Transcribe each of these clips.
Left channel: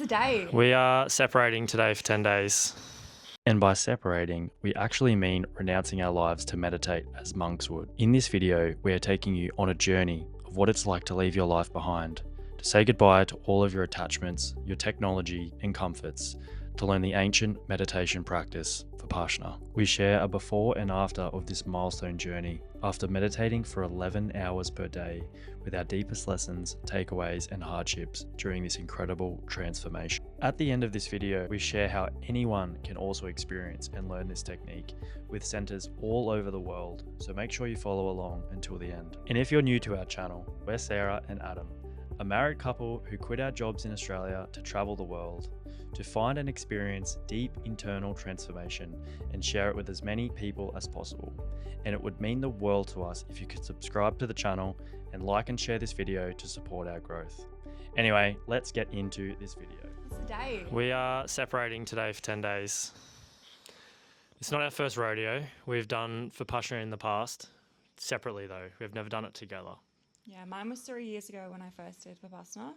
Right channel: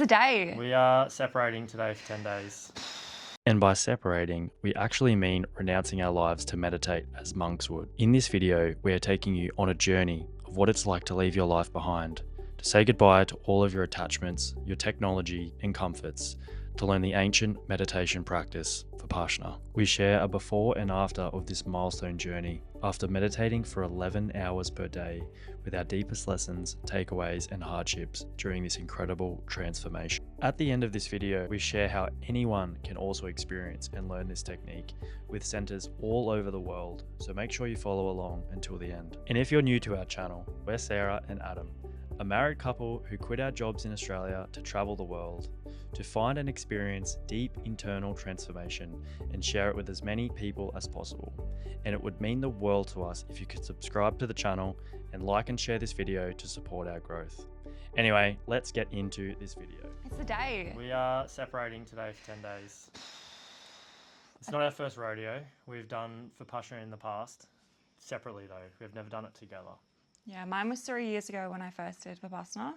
the day. We are separating today for 10 days. And by separating, we actually mean renouncing our lives to meditate as monks would. In this video, we are taking you on a journey of what it's like to leave your life behind, to say goodbye to all of your attachments, your technology and comforts, to learn the ancient meditation practice, Vipassana. We share a before and after of this milestone journey, after meditating for 11 hours per day with our deepest lessons, takeaways and hardships during this incredible transformation. At the end of this video, we share how anyone can also experience and learn this technique with centers all over the world, so make sure you follow along until the end. And if you're new to our channel, we're Sarah and Adam, a married couple who quit our jobs in Australia to travel the world, to find and experience deep internal transformation and share it with as many people as possible. And it would mean the world to us if you could subscribe to the channel and like and share this video to support our growth. Anyway, let's get into this video. It's the day. We are separating today for 10 days. It's not our first rodeo. We've done Vipassana in the past, separately though. We've never done it together. Yeah, mine was 3 years ago when I first did Vipassana,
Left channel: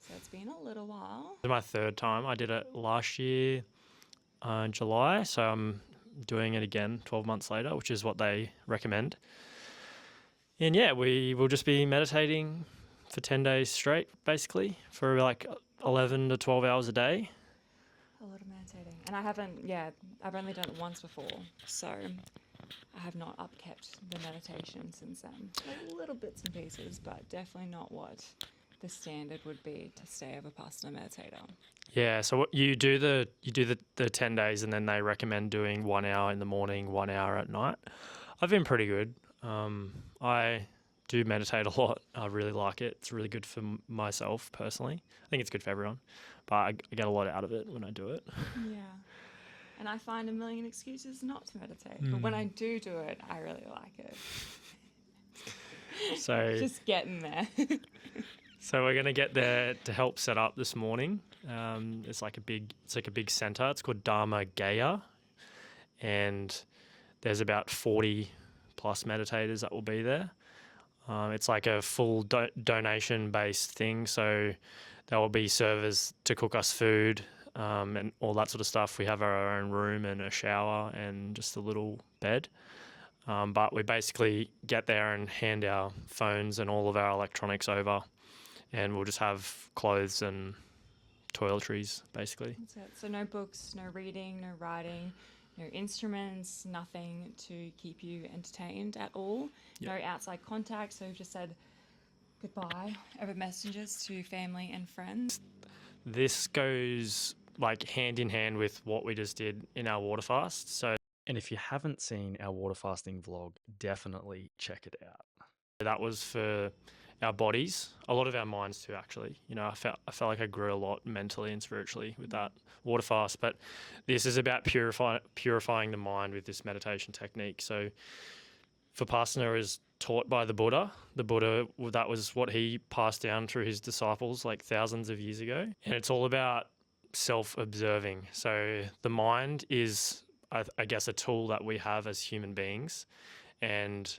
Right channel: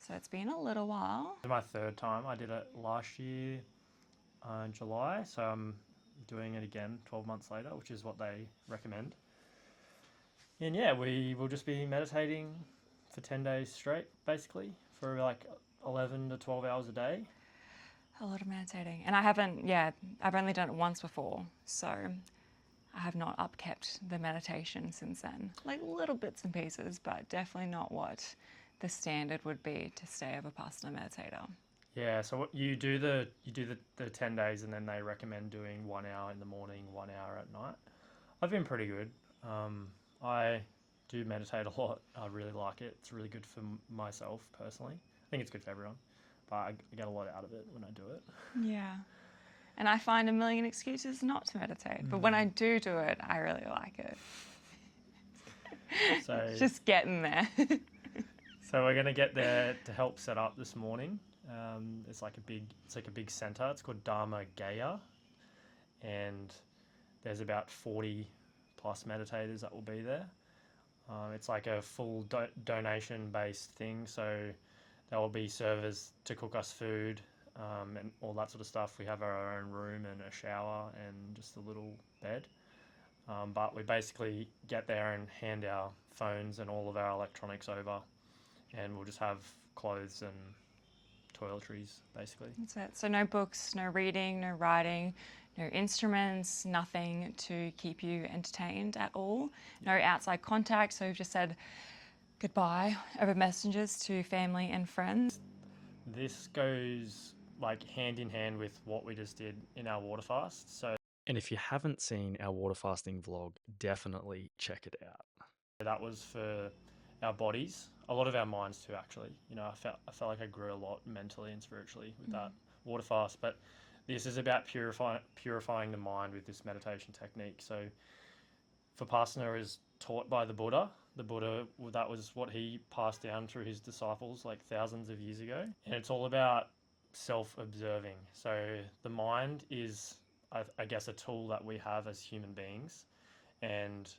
so it's been a little while. This is my third time. I did it last year in July, so I'm doing it again 12 months later, which is what they recommend. And yeah, we will just be meditating for 10 days straight, basically, for like 11 to 12 hours a day. A lot of meditating. And I've only done it once before, so I have not upkept the meditation since then. Like little bits and pieces, but definitely not what the standard would be to stay a Vipassana meditator. Yeah, so what you do the 10 days and then they recommend doing 1 hour in the morning, 1 hour at night. I've been pretty good. I do meditate a lot. I really like it. It's really good for myself personally. I think it's good for everyone, but I get a lot out of it when I do it. Yeah. And I find a million excuses not to meditate. But when I do it, I really like it. So just getting there. So we're gonna get there to help set up this morning. It's like a big center. It's called Dharma Gaya, and there's about 40 plus meditators that will be there. It's like a full donation based thing. So there will be servers to cook us food. And all that sort of stuff. We have our own room and a shower and just a little bed. But we basically get there and hand our phones and all of our electronics over, and we'll just have clothes and toiletries, basically. That's it. So no books, no reading, no writing, no instruments, nothing to keep you entertained at all. Yep. No outside contact. So we've just said goodbye over messages to family and friends. This goes like hand in hand with what we just did in our water fast. And if you haven't seen our water fasting vlog, definitely check it out. That was for our bodies, a lot of our minds too, actually. You know, I felt like I grew a lot mentally and spiritually with that water fast, but this is about purifying the mind with this meditation technique. So Vipassana is taught by the Buddha. The Buddha, that was what he passed down through his disciples like thousands of years ago. And it's all about self-observing. So the mind is, I guess, a tool that we have as human beings. And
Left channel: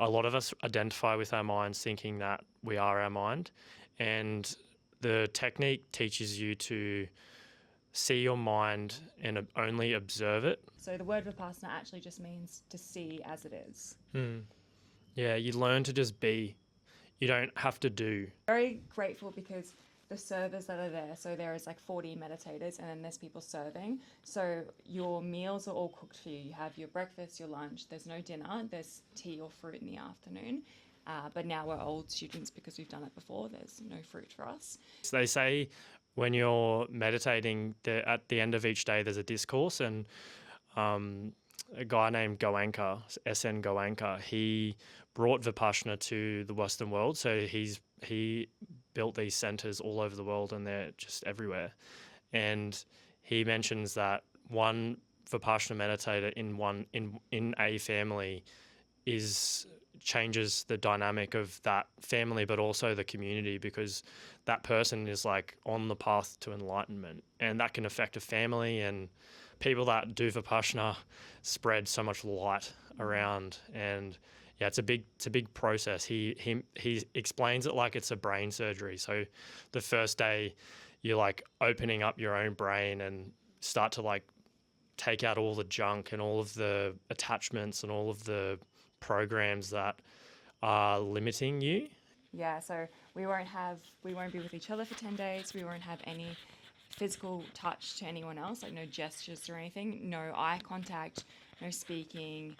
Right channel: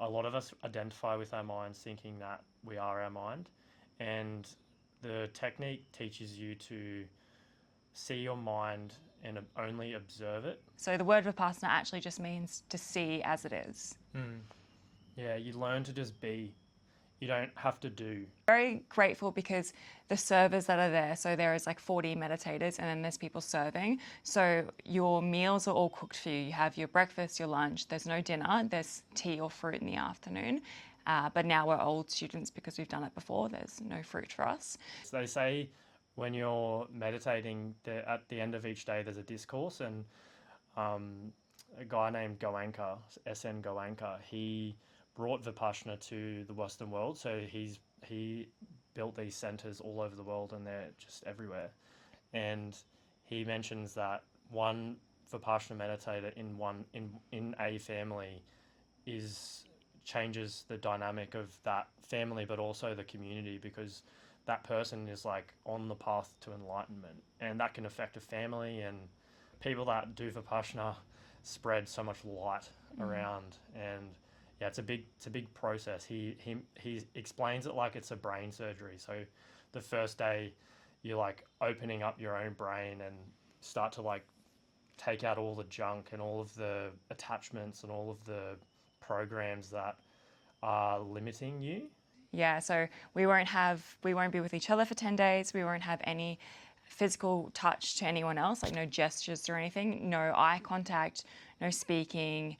a lot of us identify with our minds thinking that we are our mind. And the technique teaches you to see your mind and only observe it. So the word Vipassana actually just means to see as it is. Yeah, you learn to just be. You don't have to do. Very grateful because the servers that are there, so there is like 40 meditators and then there's people serving. So your meals are all cooked for you. You have your breakfast, your lunch, there's no dinner, there's tea or fruit in the afternoon. But now we're old students because we've done it before. There's no fruit for us. So they say when you're meditating, at the end of each day, there's a discourse, and a guy named Goenka, S.N. Goenka, he brought Vipassana to the Western world. So he built these centers all over the world, and they're just everywhere. And he mentions that one Vipassana meditator in a family changes the dynamic of that family, but also the community, because that person is like on the path to enlightenment, and that can affect a family. And people that do Vipassana spread so much light around, and yeah, it's a big process. He explains it like it's a brain surgery. So the first day you're like opening up your own brain and start to like take out all the junk and all of the attachments and all of the programs that are limiting you. Yeah, so we won't be with each other for 10 days. We won't have any physical touch to anyone else, like no gestures or anything, no eye contact, no speaking,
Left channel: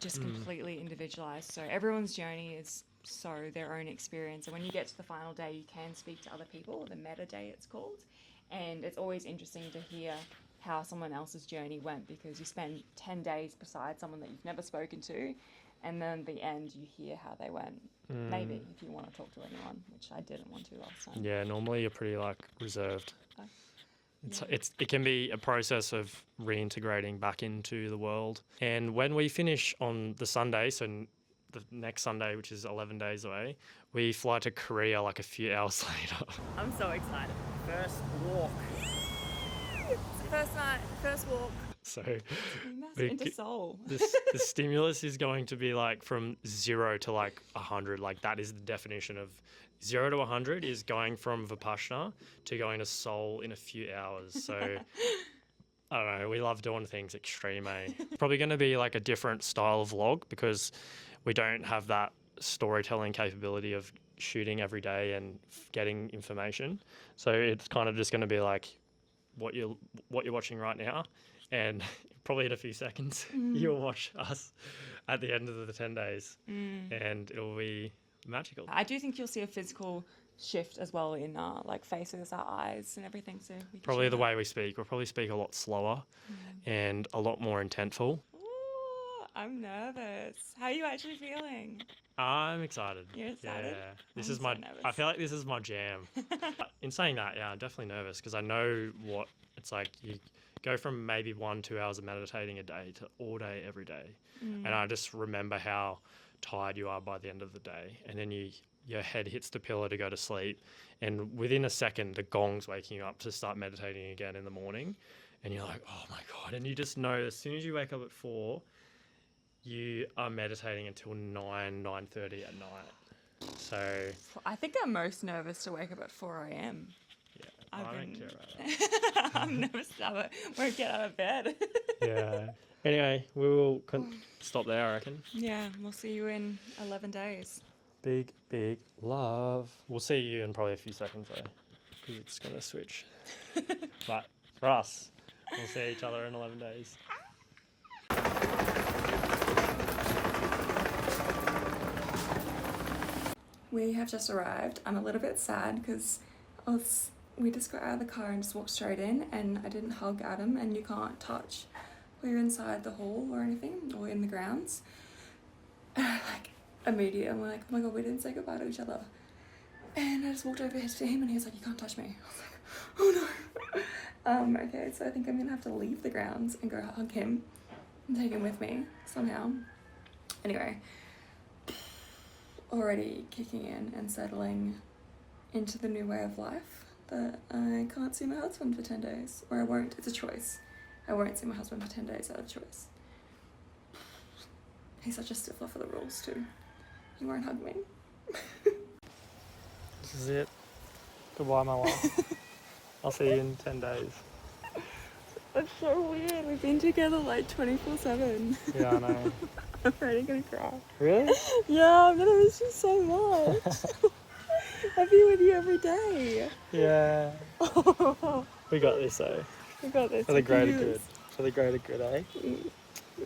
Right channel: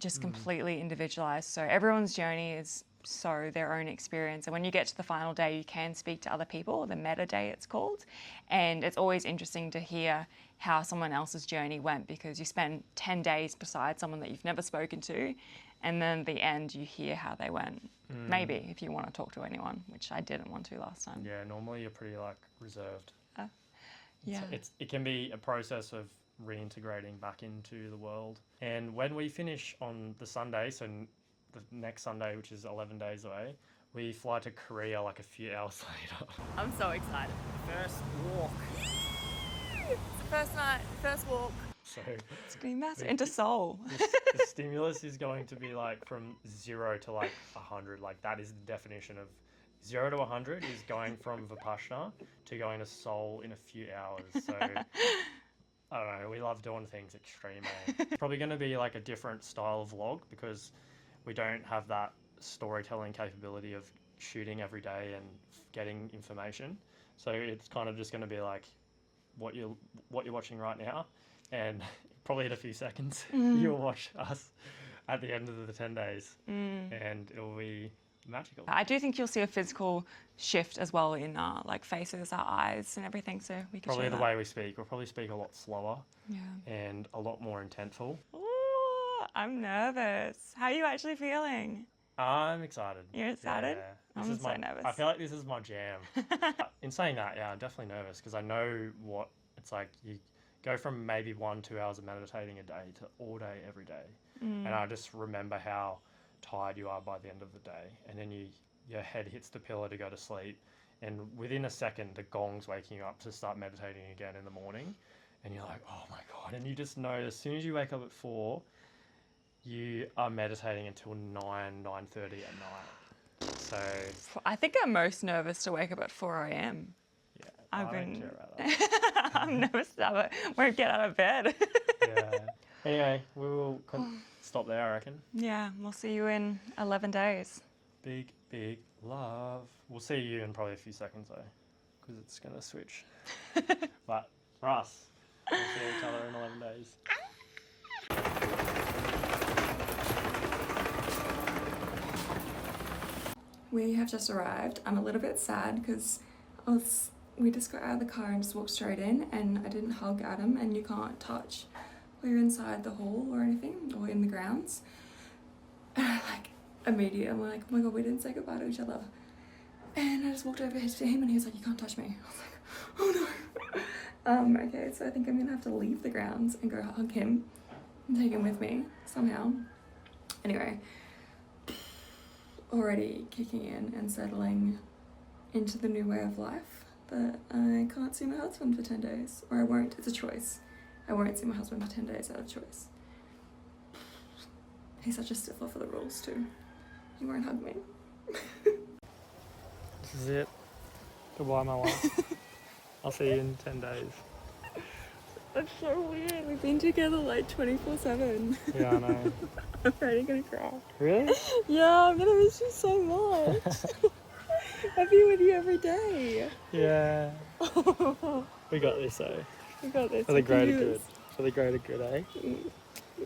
just completely individualized. So everyone's journey is so their own experience. And when you get to the final day, you can speak to other people, the meta day it's called. And it's always interesting to hear how someone else's journey went, because you spend 10 days beside someone that you've never spoken to, and then at the end you hear how they went. Maybe if you want to talk to anyone, which I didn't want to last time. Yeah, normally you're pretty like reserved. Yeah. It can be a process of reintegrating back into the world. And when we finish on the Sunday, so the next Sunday, which is 11 days away, we fly to Korea like a few hours later. I'm so excited. First walk. It's the first night, first walk. So It's going massive into Seoul. the stimulus is going to be like from 0 to like 100. Like that is the definition of 0 to 100 is going from Vipassana to going to Seoul in a few hours. So I don't know. We love doing things extreme. It's probably going to be like a different style of vlog because we don't have that storytelling capability of shooting every day and getting information. So it's kind of just going to be like what you're watching right now, and probably in a few seconds you'll watch us at the end of the 10 days, and it'll be magical. I do think you'll see a physical shift as well in like faces, our eyes and everything. So we can Probably share the that. way we speak. We'll probably speak a lot slower and a lot more intentful. Ooh, I'm nervous. How are you actually feeling? I'm excited. You're excited? Yeah. I'm This is so my. nervous. I feel like this is my jam. In saying that, yeah, I'm definitely nervous because I know what it's like. You go from maybe 1-2 hours of meditating a day to all day every day, and I just remember how tired you are by the end of the day, and then your head hits the pillow to go to sleep, and within a second the gong's waking you up to start meditating again in the morning, and you're like, oh my god, and you just know as soon as you wake up at 4, you are meditating until 9:30 at night. So I think I'm most nervous to wake up at 4 a.m. yeah, I've I don't been- care about that. I'm nervous that I won't get out of bed. Yeah. Anyway, we will stop there, I reckon. Yeah, we'll see you in 11 days. Big love. We'll see you in probably a few seconds though, because it's going to switch. But for us, we'll see each other in 11 days. We have just arrived. I'm a little bit sad because we just got out of the car and just walked straight in, and I didn't hug Adam, and you can't touch while you're inside the hall or anything or in the grounds. And I immediately I'm like, oh my god, we didn't say goodbye to each other. And I just walked over to him and he was like, you can't touch me. I was like, oh no. Okay, so I think I'm gonna have to leave the grounds and go hug him and take him with me somehow. Anyway, already kicking in and settling into the new way of life, but I can't see my husband for 10 days, or I won't. It's a choice. I won't see my husband for 10 days out of choice. He's such a stickler for the rules too. He won't hug me. This is it. Goodbye, my wife. I'll see you in 10 days. That's so weird. We've been together like 24/7. Yeah, I know. I'm already gonna cry. Really? Yeah, I'm gonna miss you so much. I'll be with you every day. Yeah. We got this though. We got this. For the We can greater do good. this. For the greater good, eh?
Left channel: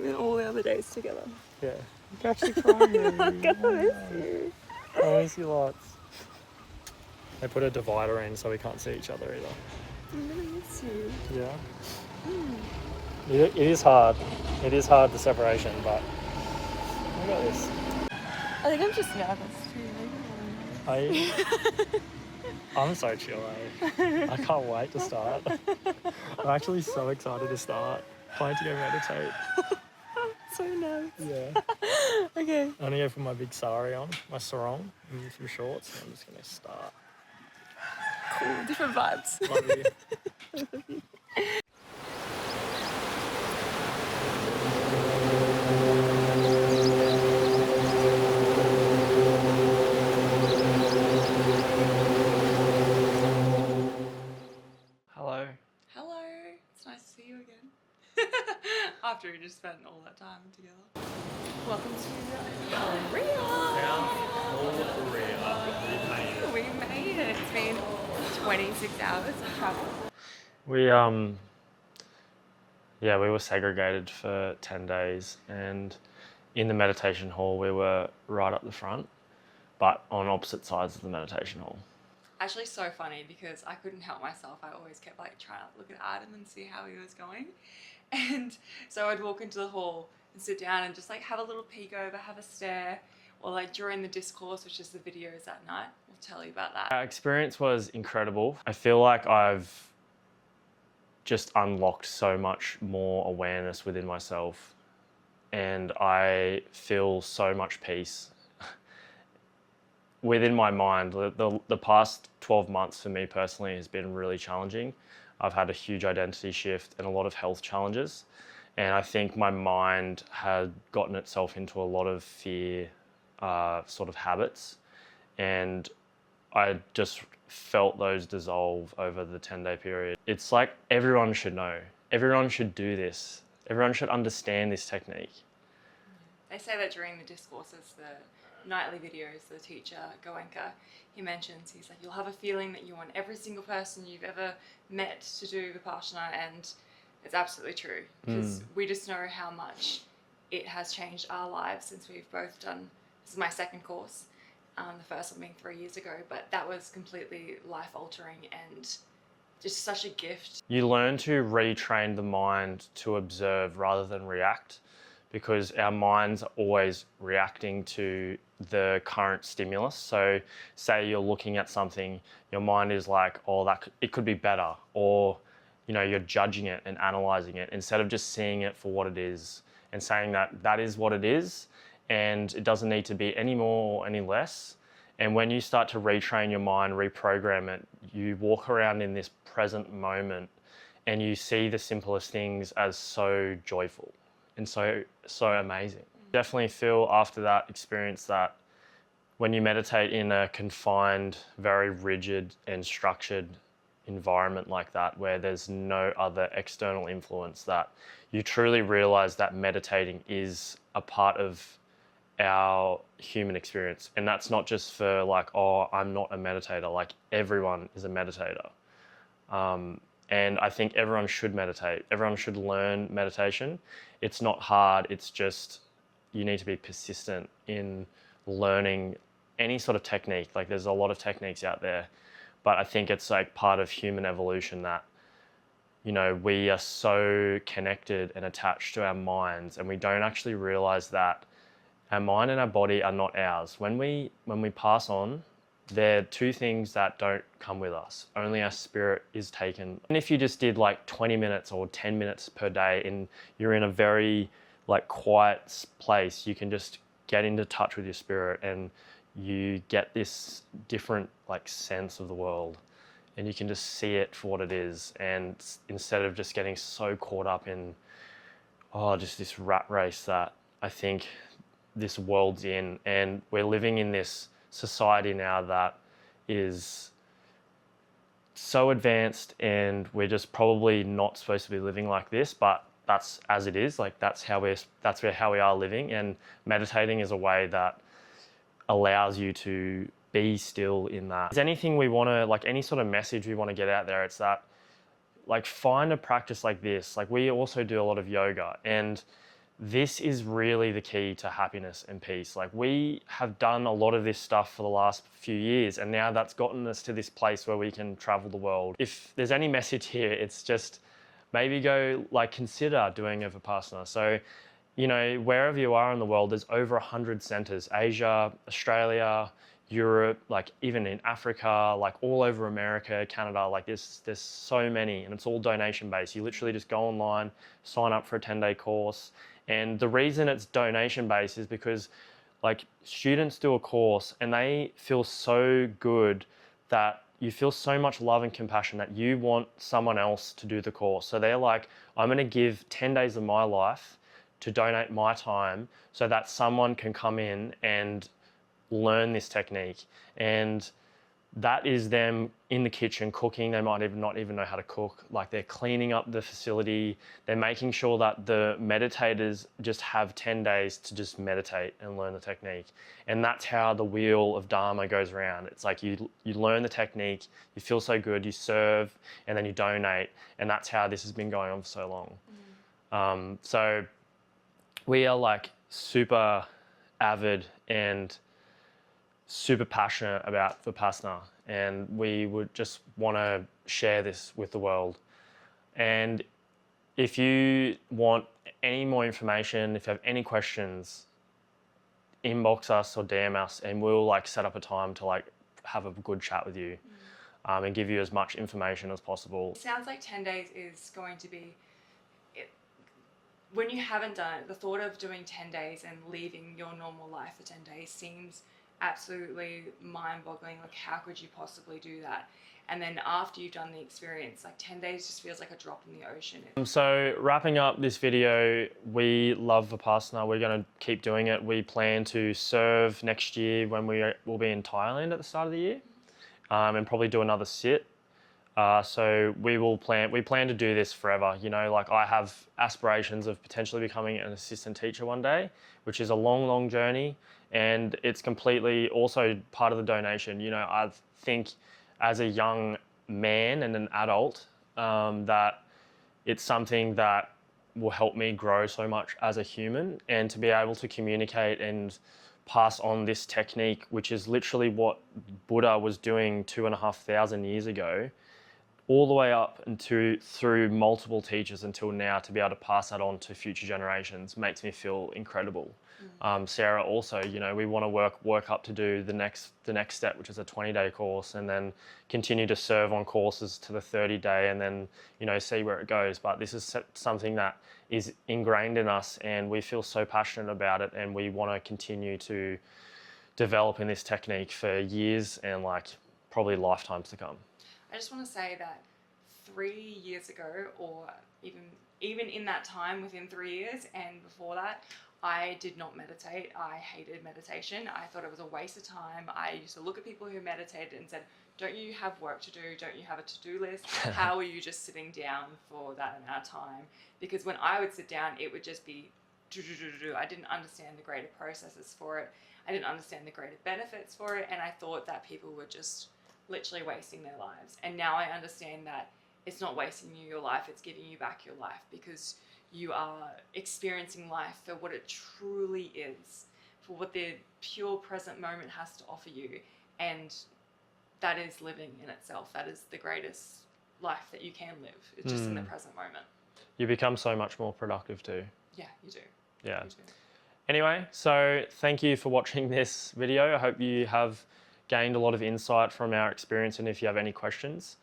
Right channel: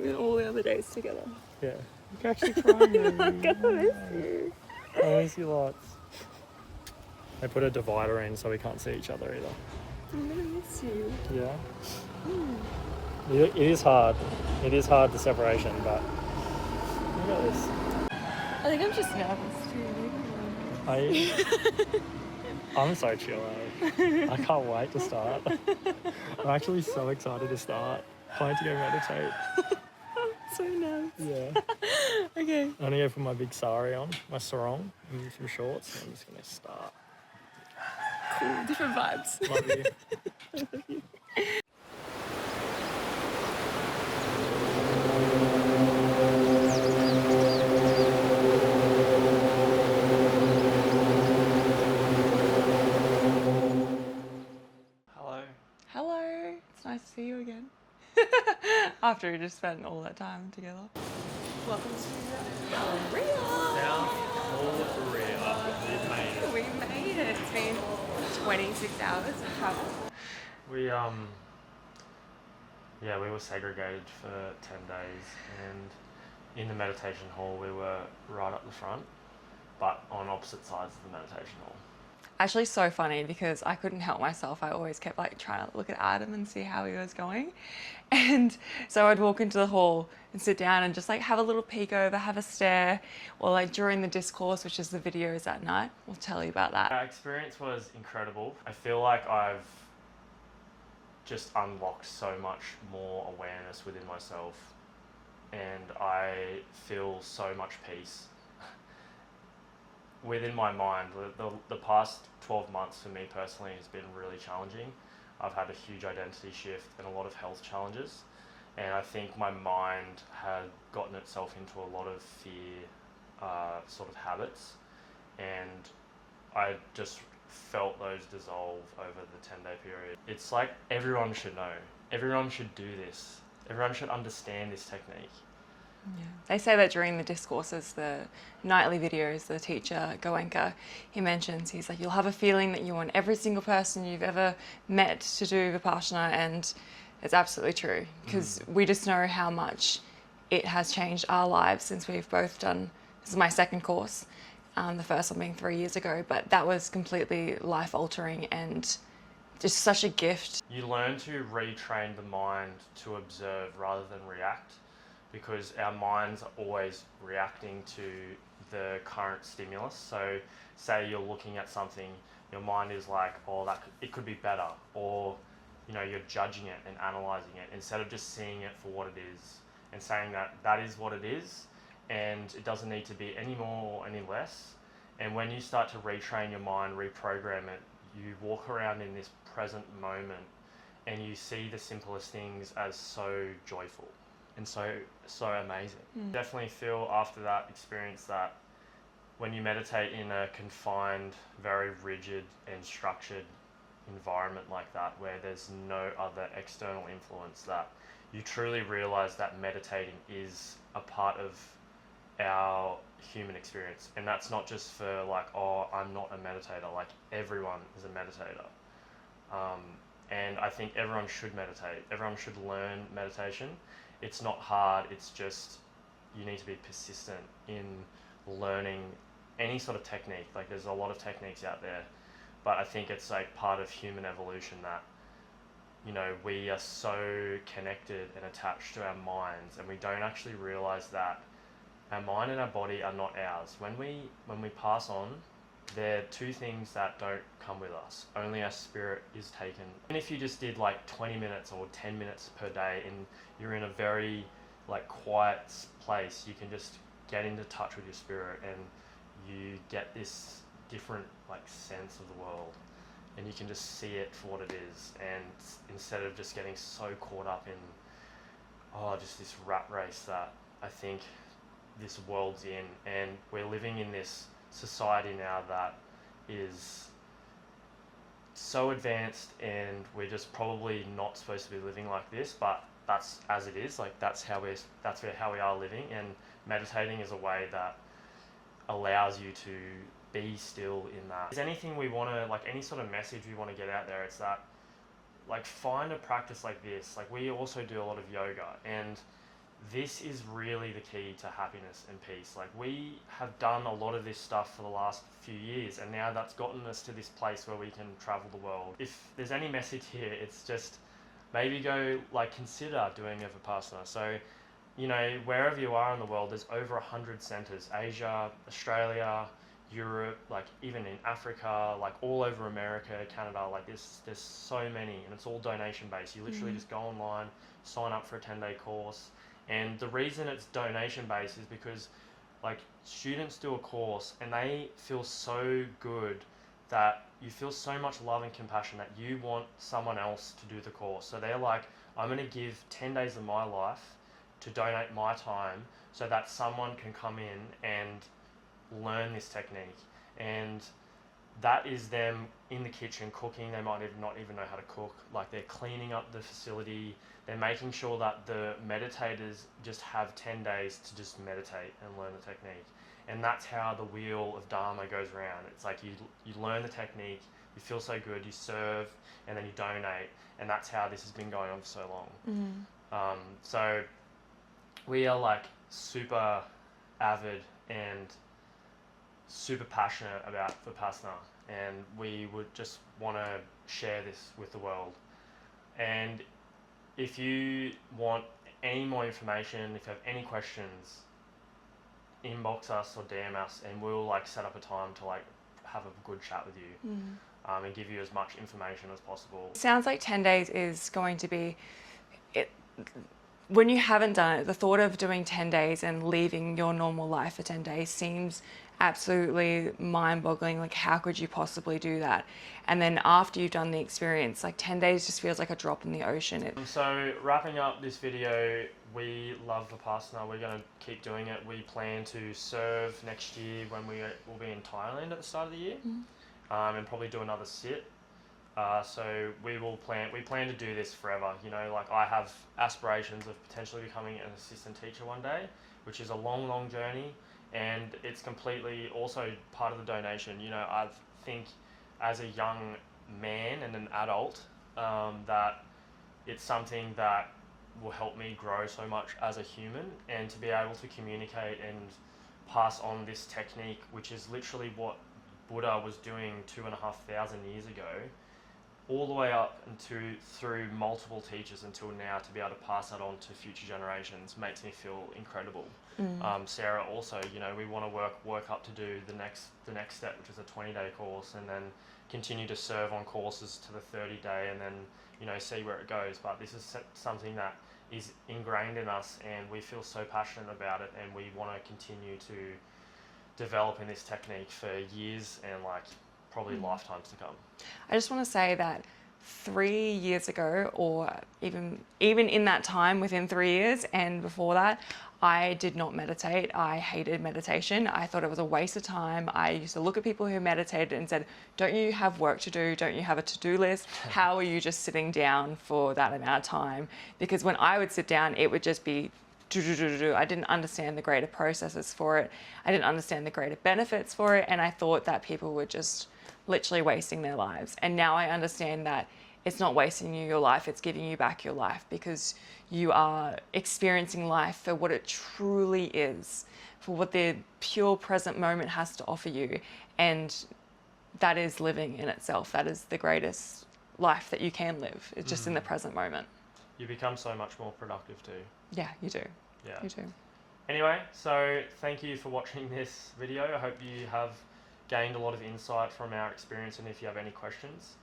And all the other days together. Yeah. You can actually cry. I'm gonna miss you. I miss you lots. They put a divider in so we can't see each other either. I'm gonna miss you. Yeah. It is hard. It is hard, the separation, but we got this. I think I'm just nervous too. I'm so chill, eh? I can't wait to start. I'm actually so excited to start. Planning to go meditate. So nervous. Yeah. Okay. I'm gonna go put my big sari on, my sarong, and some shorts, and I'm just gonna start. Cool. Different vibes. Love you. see you again. After we just spent all that time together. Welcome to Korea. South Korea. We made it. We made it. It's been 26 hours of travel. We we were segregated for 10 days, and in the meditation hall we were right up the front, but on opposite sides of the meditation hall. Actually so funny because I couldn't help myself. I always kept like trying to look at Adam and see how he was going. And so I'd walk into the hall and sit down and just like have a little peek over, have a stare, or like during the discourse, which is the videos at night. We'll tell you about that. Our experience was incredible. I feel like I've just unlocked so much more awareness within myself, and I feel so much peace within my mind. The past 12 months for me personally has been really challenging. I've had a huge identity shift and a lot of health challenges, and I think my mind had gotten itself into a lot of fear sort of habits, and I just felt those dissolve over the 10-day period. It's like everyone should know. Everyone should do this. Everyone should understand this technique. Yeah. They say that during the discourses, the nightly videos, the teacher, Goenka, he mentions, he's like, you'll have a feeling that you want every single person you've ever met to do Vipassana, and it's absolutely true, because we just know how much it has changed our lives since we've both done, this is my second course, the first one being 3 years ago, but that was completely life-altering and just such a gift. You learn to retrain the mind to observe rather than react, because our minds are always reacting to the current stimulus. So say you're looking at something, your mind is like, oh, it could be better, or you're judging it and analyzing it instead of just seeing it for what it is and saying that is what it is, and it doesn't need to be any more or any less. And when you start to retrain your mind, reprogram it, you walk around in this present moment and you see the simplest things as so joyful and so amazing. Definitely feel after that experience that when you meditate in a confined, very rigid and structured environment like that, where there's no other external influence, that you truly realize that meditating is a part of our human experience. And that's not just for like, oh, I'm not a meditator. Like, everyone is a meditator. And I think everyone should meditate. Everyone should learn meditation. It's not hard. It's just you need to be persistent in learning any sort of technique. Like, there's a lot of techniques out there, but I think it's like part of human evolution that, we are so connected and attached to our minds, and we don't actually realize that our mind and our body are not ours. When we pass on, they're two things that don't come with us. Only our spirit is taken. And if you just did like 20 minutes or 10 minutes per day and you're in a very like quiet place, you can just get into touch with your spirit, and you get this different like sense of the world, and you can just see it for what it is. And instead of just getting so caught up in, just this rat race that I think this world's in, and we're living in this society now that is so advanced, and we're just probably not supposed to be living like this, but that's as it is. Like, that's how we are living, and meditating is a way that allows you to be still in that. If there's anything we want to, like, any sort of message we want to get out there, it's that, like, find a practice like this. Like, we also do a lot of yoga, and this is really the key to happiness and peace. Like, we have done a lot of this stuff for the last few years, and now that's gotten us to this place where we can travel the world. If there's any message here, it's just maybe go, like, consider doing a Vipassana. So, wherever you are in the world, there's over 100 centers, Asia, Australia, Europe, like even in Africa, like all over America, Canada, like there's so many, and it's all donation based. You literally just go online, sign up for a 10-day course. And the reason it's donation based is because like students do a course and they feel so good that you feel so much love and compassion that you want someone else to do the course. So they're like, I'm going to give 10 days of my life to donate my time so that someone can come in and learn this technique. And that is them in the kitchen cooking. They might even not even know how to cook. Like, they're cleaning up the facility. They're making sure that the meditators just have 10 days to just meditate and learn the technique. And that's how the wheel of Dharma goes around. It's like you learn the technique, you feel so good, you serve, and then you donate. And that's how this has been going on for so long. So we are like super avid and super passionate about Vipassana, and we would just want to share this with the world. And if you want any more information, if you have any questions, inbox us or DM us, and we'll like set up a time to like have a good chat with you, and give you as much information as possible. Sounds like 10 days is going to be it. When you haven't done it, the thought of doing 10 days and leaving your normal life for 10 days seems absolutely mind-boggling. Like, how could you possibly do that? And then after you've done the experience, like 10 days just feels like a drop in the ocean. So wrapping up this video, we love Vipassana. We're going to keep doing it. We plan to serve next year when we will be in Thailand at the start of the year, and probably do another sit. So we plan to do this forever. You know, like, I have aspirations of potentially becoming an assistant teacher one day, which is a long, long journey. And it's completely also part of the donation. You know, I think as a young man and an adult, that it's something that will help me grow so much as a human, and to be able to communicate and pass on this technique, which is literally what Buddha was doing 2,500 years ago, all the way up into through multiple teachers until now, to be able to pass that on to future generations makes me feel incredible. Sarah also, you know, we want to work up to do the next step, which is a 20-day course, and then continue to serve on courses to the 30-day, and then, you know, see where it goes. But this is something that is ingrained in us, and we feel so passionate about it, and we want to continue to develop in this technique for years and like probably lifetimes to come. I just want to say that 3 years ago, or even in that time, within 3 years and before that, I did not meditate. I hated meditation. I thought it was a waste of time. I used to look at people who meditated and said, don't you have work to do? Don't you have a to-do list? How are you just sitting down for that amount of time? Because when I would sit down, it would just be do. I didn't understand the greater processes for it. I didn't understand the greater benefits for it. And I thought that people were just literally wasting their lives. And now I understand that it's not wasting you your life, it's giving you back your life, because you are experiencing life for what it truly is, for what the pure present moment has to offer you. And that is living in itself. That is the greatest life that you can live. It's just in the present moment. You become so much more productive too. Yeah, you do. Yeah. You do. Anyway, so thank you for watching this video. I hope you have gained a lot of insight from our experience, and if you have any questions,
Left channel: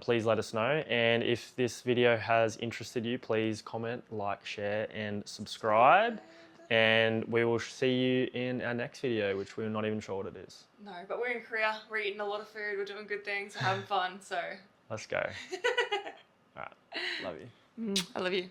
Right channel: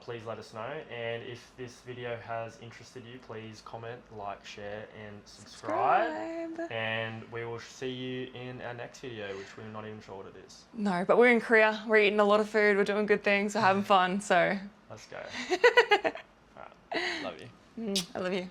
please let us know. And if this video has interested you, please comment, like, share, and subscribe. And we will see you in our next video, which we're not even sure what it is. No, but we're in Korea. We're eating a lot of food. We're doing good things. We're having fun. So Let's go. All right. Love you. I love you.